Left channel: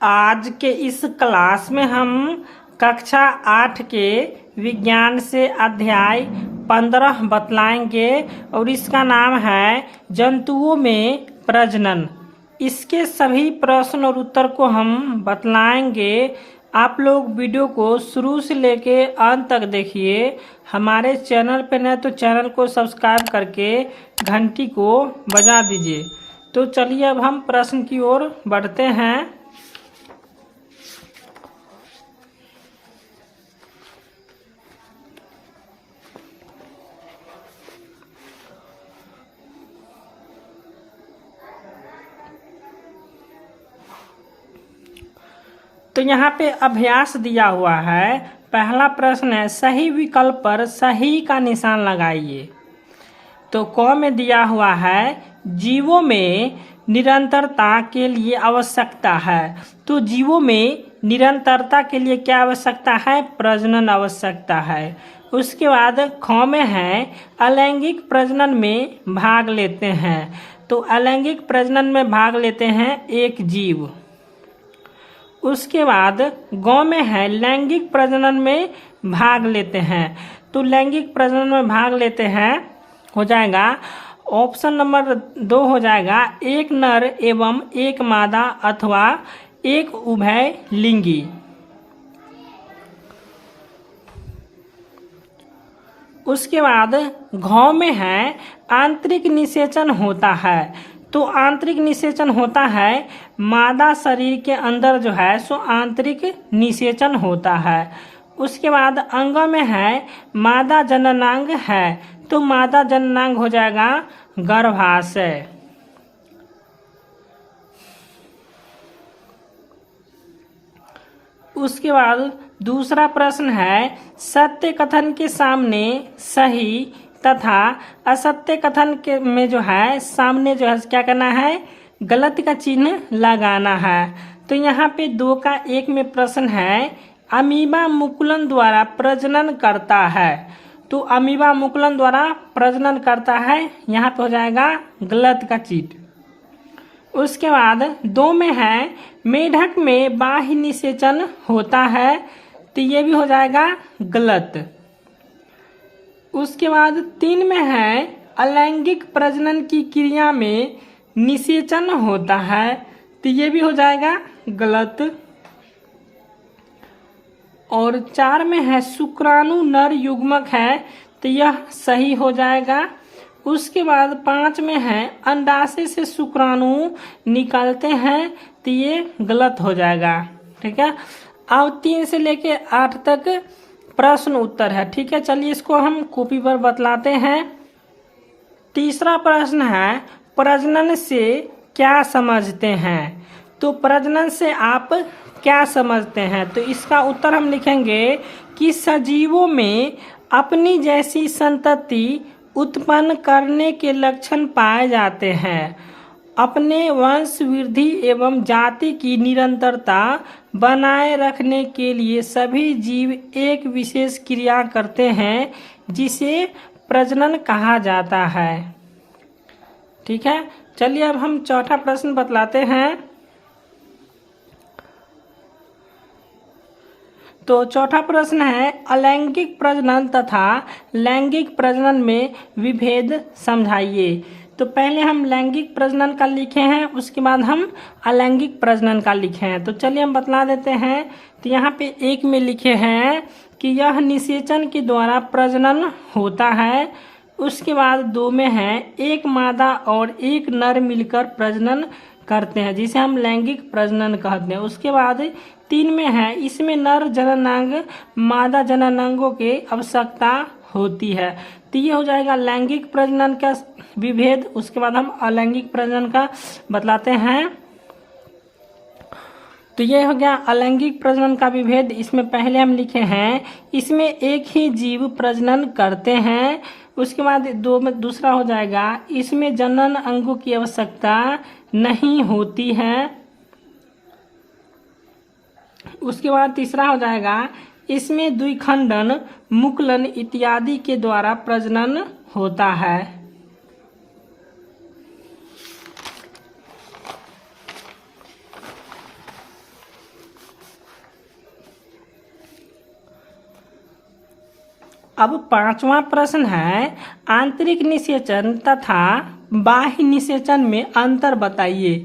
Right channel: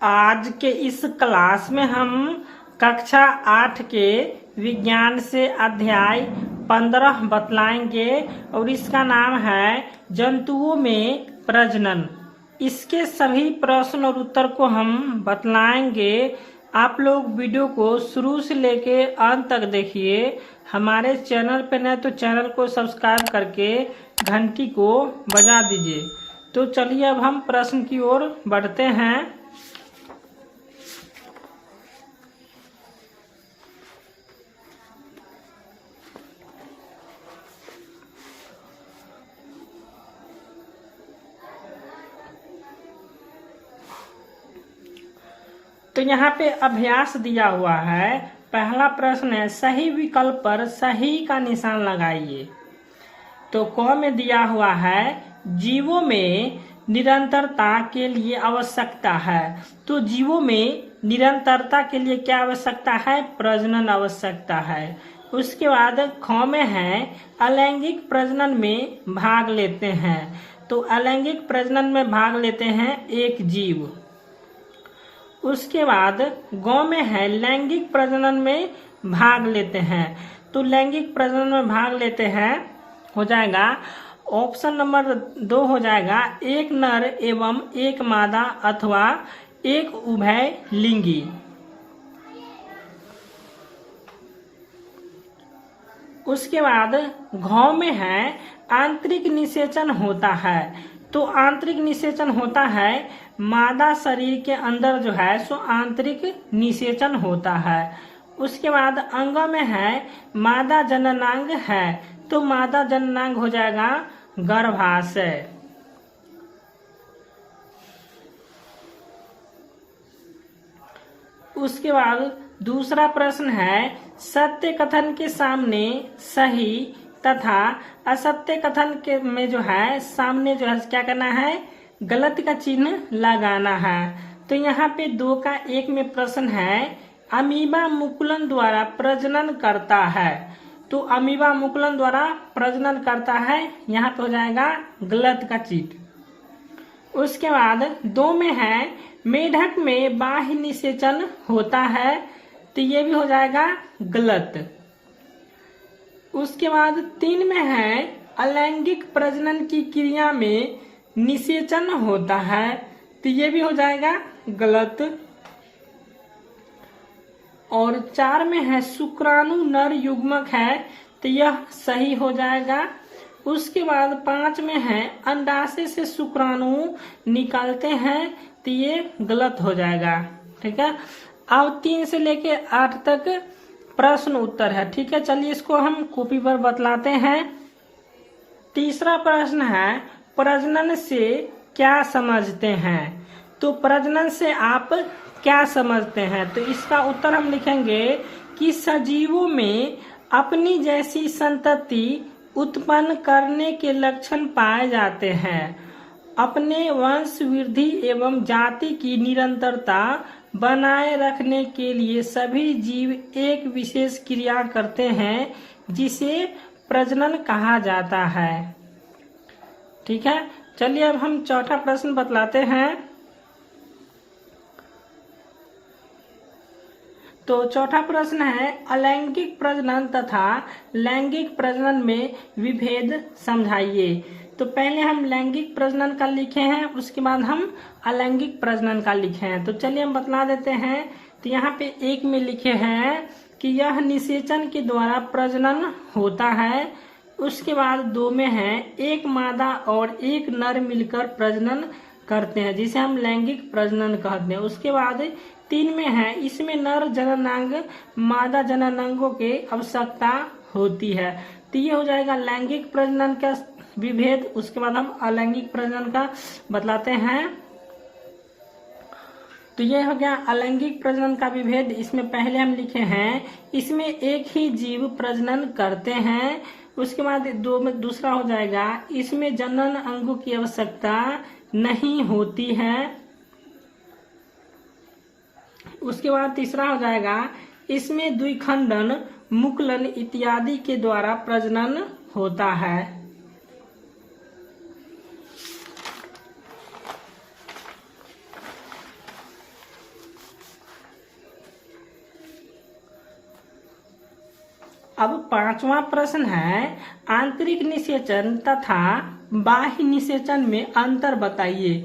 आज के इस क्लास में हम कक्षा 8 के विज्ञान से अध्याय 15 बतलाएंगे और इसका नाम है जंतुओं में प्रजनन। इसके सभी प्रश्न और उत्तर को हम बतलाएंगे। आप लोग वीडियो को शुरू से लेके अंत तक देखिए। हमारे चैनल पे नए तो चैनल को सब्सक्राइब करके घंटी को बजा दीजिए। तो चलिए अब हम प्रश्न की ओर बढ़ते हैं। तो यहाँ पे अभ्यास दिया हुआ है। पहला प्रश्न है, सही विकल्प पर सही का निशान लगाइए। तो क में दिया हुआ है, जीवों में निरंतरता के लिए आवश्यकता है। तो जीवों में निरंतरता के लिए क्या आवश्यकता है? प्रजनन आवश्यकता है। उसके बाद ख में है, अलैंगिक प्रजनन में भाग लेते हैं। तो अलैंगिक प्रजनन में भाग लेते हैं एक जीव। उसके बाद ग में है, लैंगिक प्रजनन में भाग लेते हैं। तो लैंगिक प्रजनन में भाग लेते हैं हो जाएगा ऑप्शन नंबर 2 हो जाएगा, एक नर एवं एक मादा अथवा एक उभय लिंगी। उसके बाद घ में है, आंतरिक निषेचन होता है। तो आंतरिक निषेचन होता है, मादा शरीर के अंदर जो है सो आंतरिक निषेचन होता है। उसके बाद अंग में है, मादा जननांग है। तो मादा जननांग हो जाएगा गर्भाशय। उसके बाद दूसरा प्रश्न है, सत्य कथन के सामने सही तथा असत्य कथन के में जो है सामने जो है क्या करना है? गलत का चिन्ह लगाना है। तो यहाँ पे 2 का 1 में प्रश्न है, अमीबा मुकुलन द्वारा प्रजनन करता है। तो अमीबा मुकुलन द्वारा प्रजनन करता है, यहाँ पे हो जाएगा गलत का चिन्ह। उसके बाद 2 में है, मेढक में बाह्य निषेचन होता है। तो ये भी हो जाएगा गलत। उसके बाद 3 में है, अलैंगिक प्रजनन की क्रिया में निषेचन होता है। तो ये भी हो जाएगा गलत। और 4 में है, शुक्राणु नर युग्मक है। तो यह सही हो जाएगा। उसके बाद 5 में है, अंडाशय से शुक्राणु निकलते हैं। तो ये गलत हो जाएगा। ठीक है। अब 3 से लेके 8 तक प्रश्न उत्तर है। ठीक है, चलिए इसको हम कॉपी पर बतलाते हैं। तीसरा प्रश्न है, प्रजनन से क्या समझते हैं? तो प्रजनन से आप क्या समझते हैं? तो इसका उत्तर हम लिखेंगे कि सजीवों में अपनी जैसी संतति उत्पन्न करने के लक्षण पाए जाते हैं। अपने वंश वृद्धि एवं जाति की निरंतरता बनाए रखने के लिए सभी जीव एक विशेष क्रिया करते हैं जिसे प्रजनन कहा जाता है। ठीक है, चलिए अब हम चौथा प्रश्न बतलाते हैं। तो चौथा प्रश्न है, अलैंगिक प्रजनन तथा लैंगिक प्रजनन में विभेद समझाइए। तो पहले हम लैंगिक प्रजनन का लिखे हैं, उसके बाद हम अलैंगिक प्रजनन का लिखे हैं। तो चलिए हम बतला देते हैं। तो यहाँ पे 1 में लिखे हैं कि यह निषेचन के द्वारा प्रजनन होता है। उसके बाद 2 में है, एक मादा और एक नर मिलकर प्रजनन करते हैं जिसे हम लैंगिक प्रजनन कहते हैं। उसके बाद 3 में है, इसमें नर जननांग मादा जननांगों के आवश्यकता होती है। तो ये हो जाएगा लैंगिक प्रजनन का विभेद। उसके बाद हम अलैंगिक प्रजनन का बतलाते हैं। तो ये हो गया अलैंगिक प्रजनन का विभेद। इसमें पहले हम लिखे हैं, इसमें एक ही जीव प्रजनन करते हैं। उसके बाद 2 में दूसरा हो जाएगा, इसमें जनन अंगों की आवश्यकता नहीं होती है। उसके बाद तीसरा हो जाएगा, इसमें द्विखंडन मुकुलन इत्यादि के द्वारा प्रजनन होता है। अब पांचवा प्रश्न है, आंतरिक निषेचन तथा बाह्य निषेचन में अंतर बताइए।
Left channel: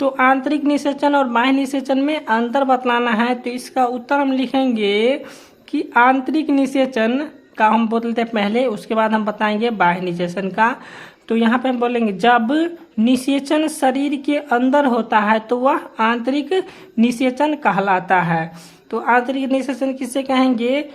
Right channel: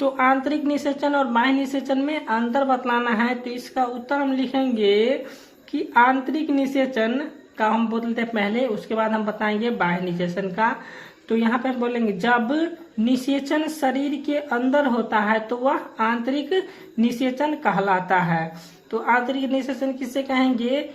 तो आंतरिक निषेचन और बाह्य निषेचन में अंतर बतलाना है। तो इसका उत्तर हम लिखेंगे कि आंतरिक निषेचन का हम बोलते हैं पहले, उसके बाद हम बताएंगे बाह्य निषेचन का। तो यहाँ पे हम बोलेंगे जब निषेचन शरीर के अंदर होता है तो वह आंतरिक निषेचन कहलाता है। तो आंतरिक निषेचन किसे कहेंगे?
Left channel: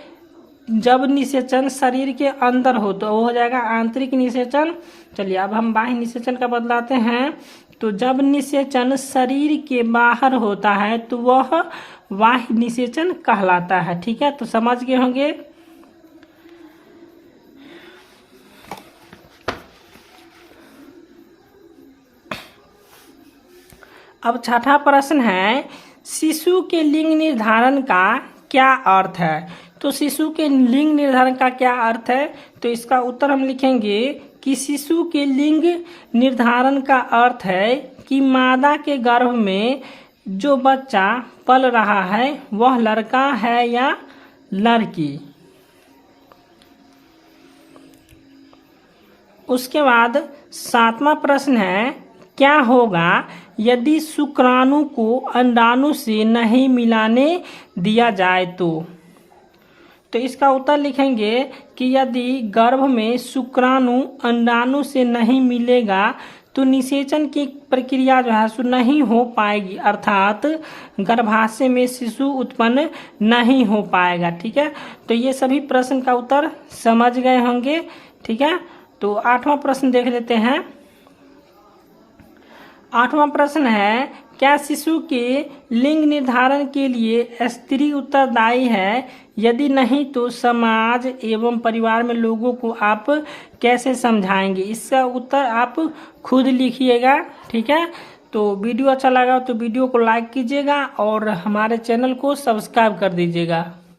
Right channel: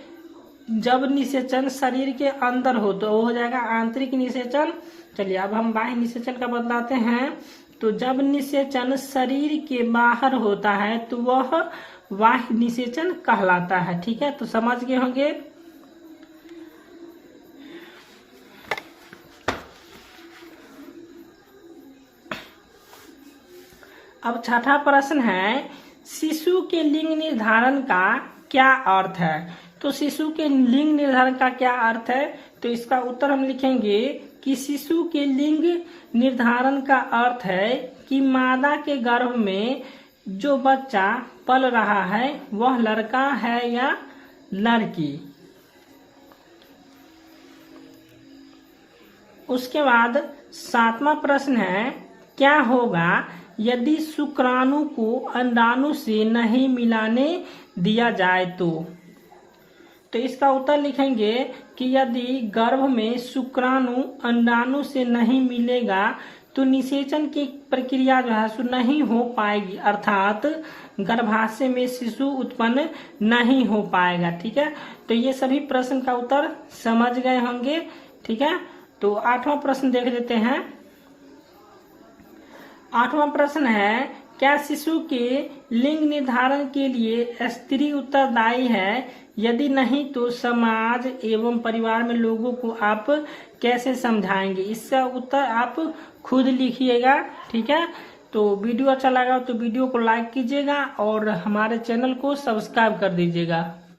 जब निषेचन शरीर के अंदर हो तो वो हो जाएगा आंतरिक निषेचन। चलिए अब हम बाह्य निषेचन का बतलाते हैं। तो जब निषेचन शरीर के बाहर होता है तो वह बाह्य निषेचन कहलाता है। ठीक है, तो समझ गए होंगे। अब छठा प्रश्न है, शिशु के लिंग निर्धारण का क्या अर्थ है? तो शिशु के लिंग निर्धारण का क्या अर्थ है? तो इसका उत्तर हम लिखेंगे कि शिशु के लिंग निर्धारण का अर्थ है कि मादा के गर्भ में जो बच्चा पल रहा है वह लड़का है या लड़की। उसके बाद सातवां प्रश्न है, क्या होगा यदि शुक्राणु को अंडाणु से नहीं मिलाने दिया जाए तो इसका उत्तर लिखेंगे कि यदि गर्भ में शुक्राणु अंडाणु से नहीं मिलेगा तो निषेचन की प्रक्रिया जो है सो नहीं हो पाएगी, अर्थात गर्भाशय में शिशु उत्पन्न नहीं हो पाएगा। ठीक है, तो ये सभी प्रश्न का उत्तर समझ गए होंगे। ठीक है, तो आठवां प्रश्न देख लेते हैं। आठवां प्रश्न है, क्या शिशु के लिंग निर्धारण के लिए स्त्री उत्तरदायी है? यदि नहीं तो समाज एवं परिवार में लोगों को आप कैसे समझाएंगे? इसका उत्तर आप खुद लिखिएगा। ठीक है, तो वीडियो अच्छा लगा तो वीडियो को लाइक कीजिएगा और हमारे चैनल को सब्सक्राइब कर दीजिएगा।